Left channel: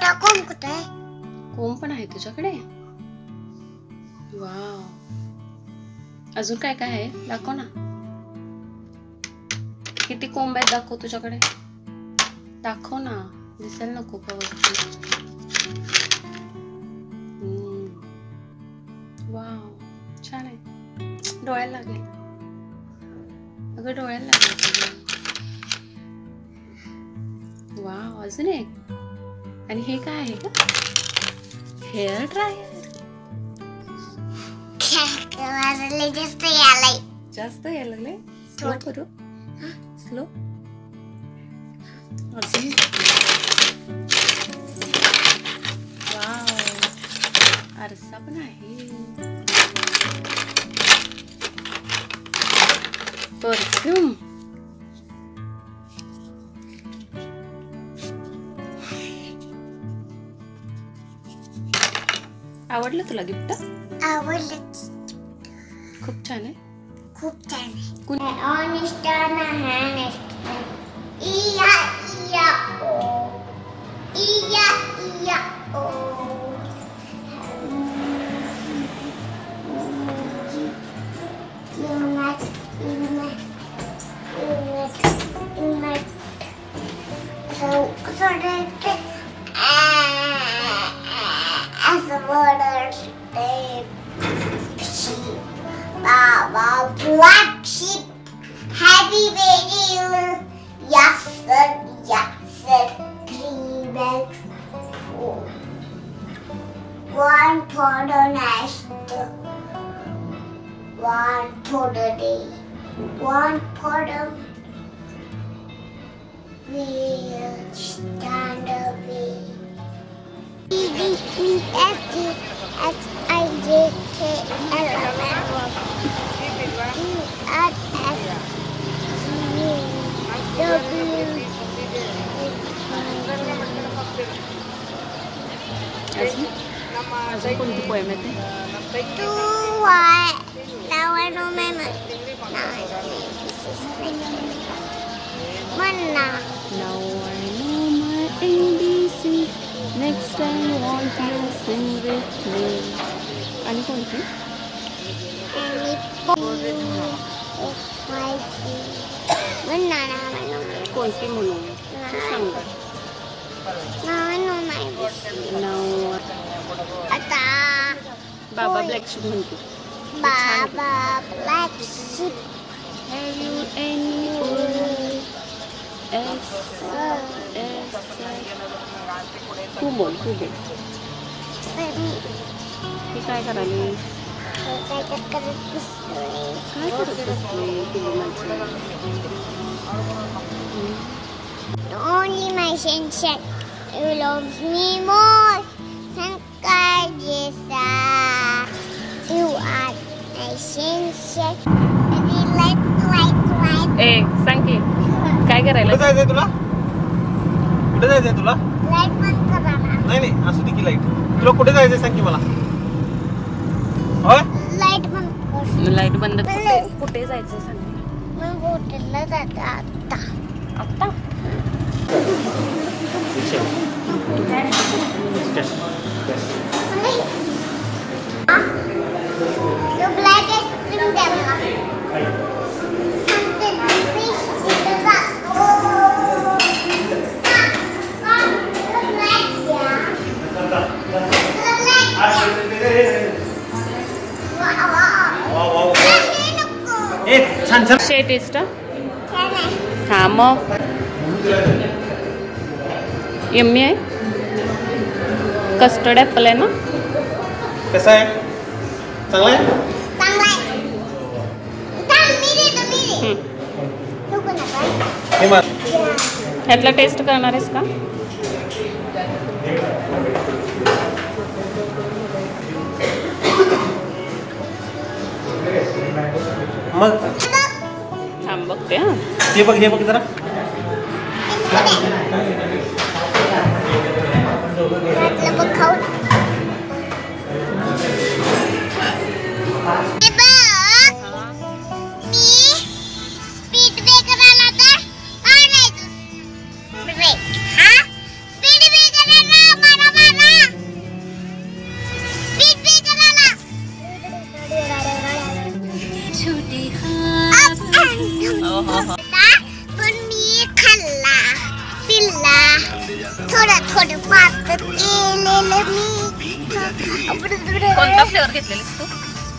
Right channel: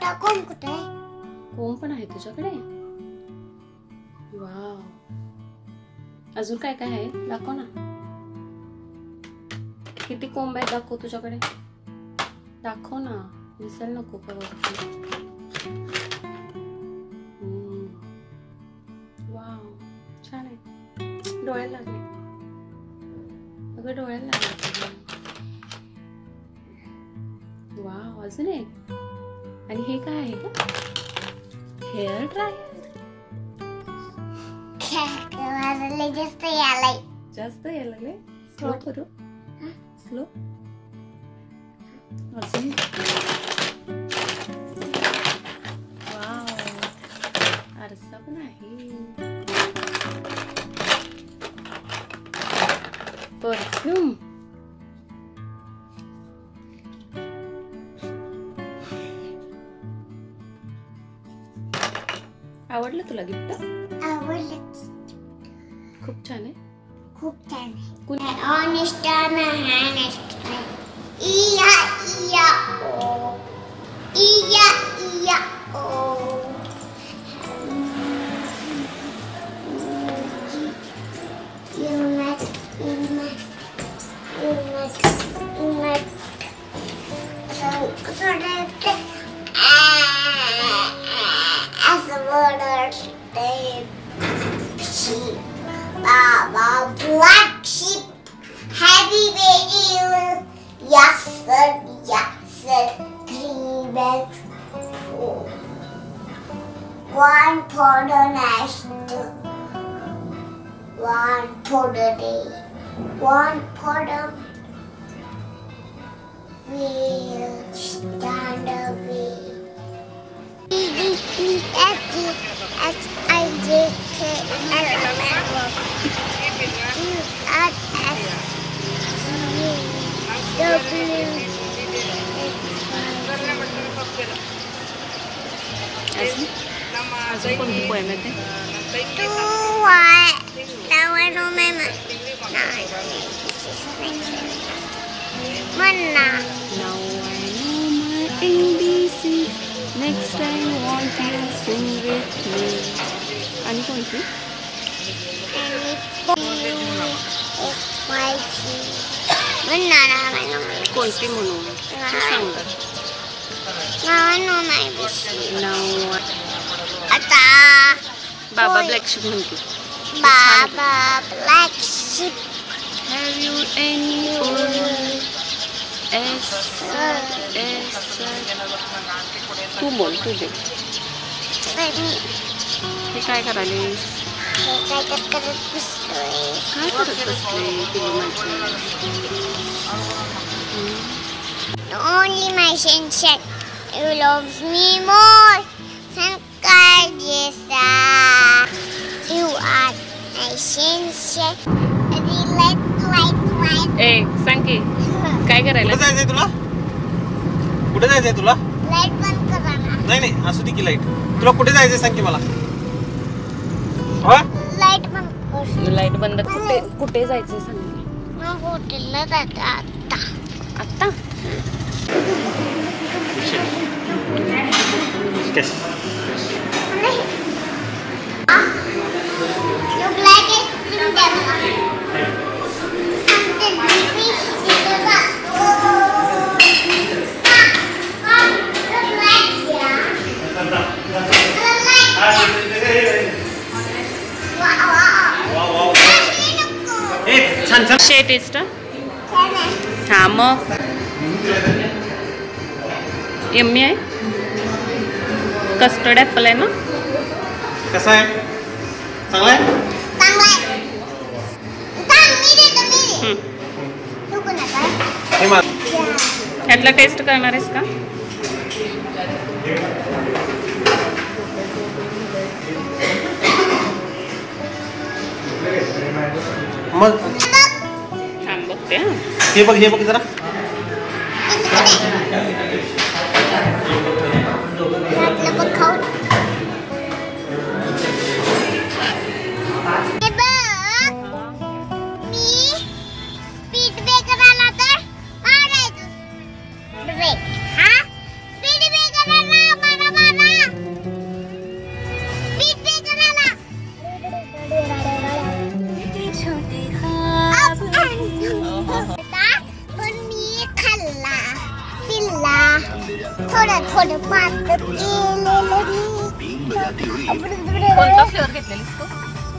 छोटा कोंब कुठे आहे? कोंब पण आहे तुझ्याकडे? वाव. अजून काय काय आहे दाखव ना. किती कोंब आहेत दाखव तुझ्याकडे. दाखव ना, दिसेल नको परत. वाव छान आहे. डोळ्याला लागले अगं, डोळ्याला लागले. वाव अजून एक. आणि हे काय आहे का? Hair dryer. जास्त यायला लागले. स्लो करू. स्लो. वाव आरसा पण आहे. परफ्यूम. आवडलं तुला गिफ्ट? आवडलं. खूप छान आहे. खूप छान आहे. ऑनेस्ट आणि हॅनेस्ट. इया इया ओ. इया इया ओ. Black sheep, heavy radio. Yes sir, yes sir. 3 bags. 1 for the nest, 1 for the day, 1 for the wheel. Stand away. अजून कोणती पोएम येते? Now I know my ABC. Next time won't you sing with me? आणि कोणती? कोणती म्हणू सांग. आता बाबा ब्लॅक शिप म्हणते. बाबा black ship. Have you any food? तू बोल. हे काय करायले? काय करत बसले पिलू माझे? Only my sunshine, you love me more. You are my sunshine. ए सांग की काय करायला? कुठे जायचंय तुला? कुठे जायचंय तुला? लाईट बंद करा ना. नाही असू दे की लाईट. तुला कुठे जायचंय सांग की मला. लाईट बंद कर. लाईट बंद. कुठे जायचं सांग. मग हॉटेलला जायचं आता. ब्लॅक आईस्क्रीम द्या मला. छान टेस्ट. हा मग यम्मी आहे. कस्टर्ड ॲपल आहे ना? कसं आहे? चांगला आहे. ह्यातला टेस्ट करणार आहेस का? मग थांब बघते. हे बघ जरा. स्पीड ब्रेकर पण मी खाल्ला पिल्ला थोडं पात केलेलं मी कोणता फ्लेवर घेतलेलीस तू?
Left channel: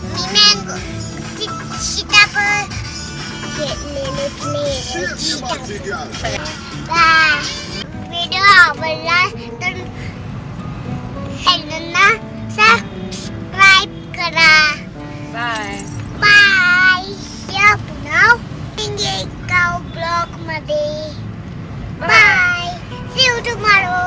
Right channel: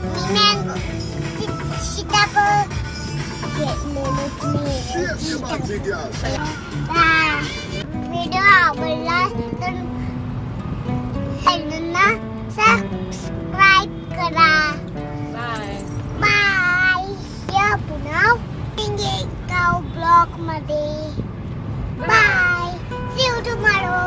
मी मँगो सीताफळ घेतलेले व्हिडिओ आवडला तर चॅनलला सबस्क्राईब करा. बाय. या पुन्हा एका ब्लॉग मध्ये. बाय. See you tomorrow.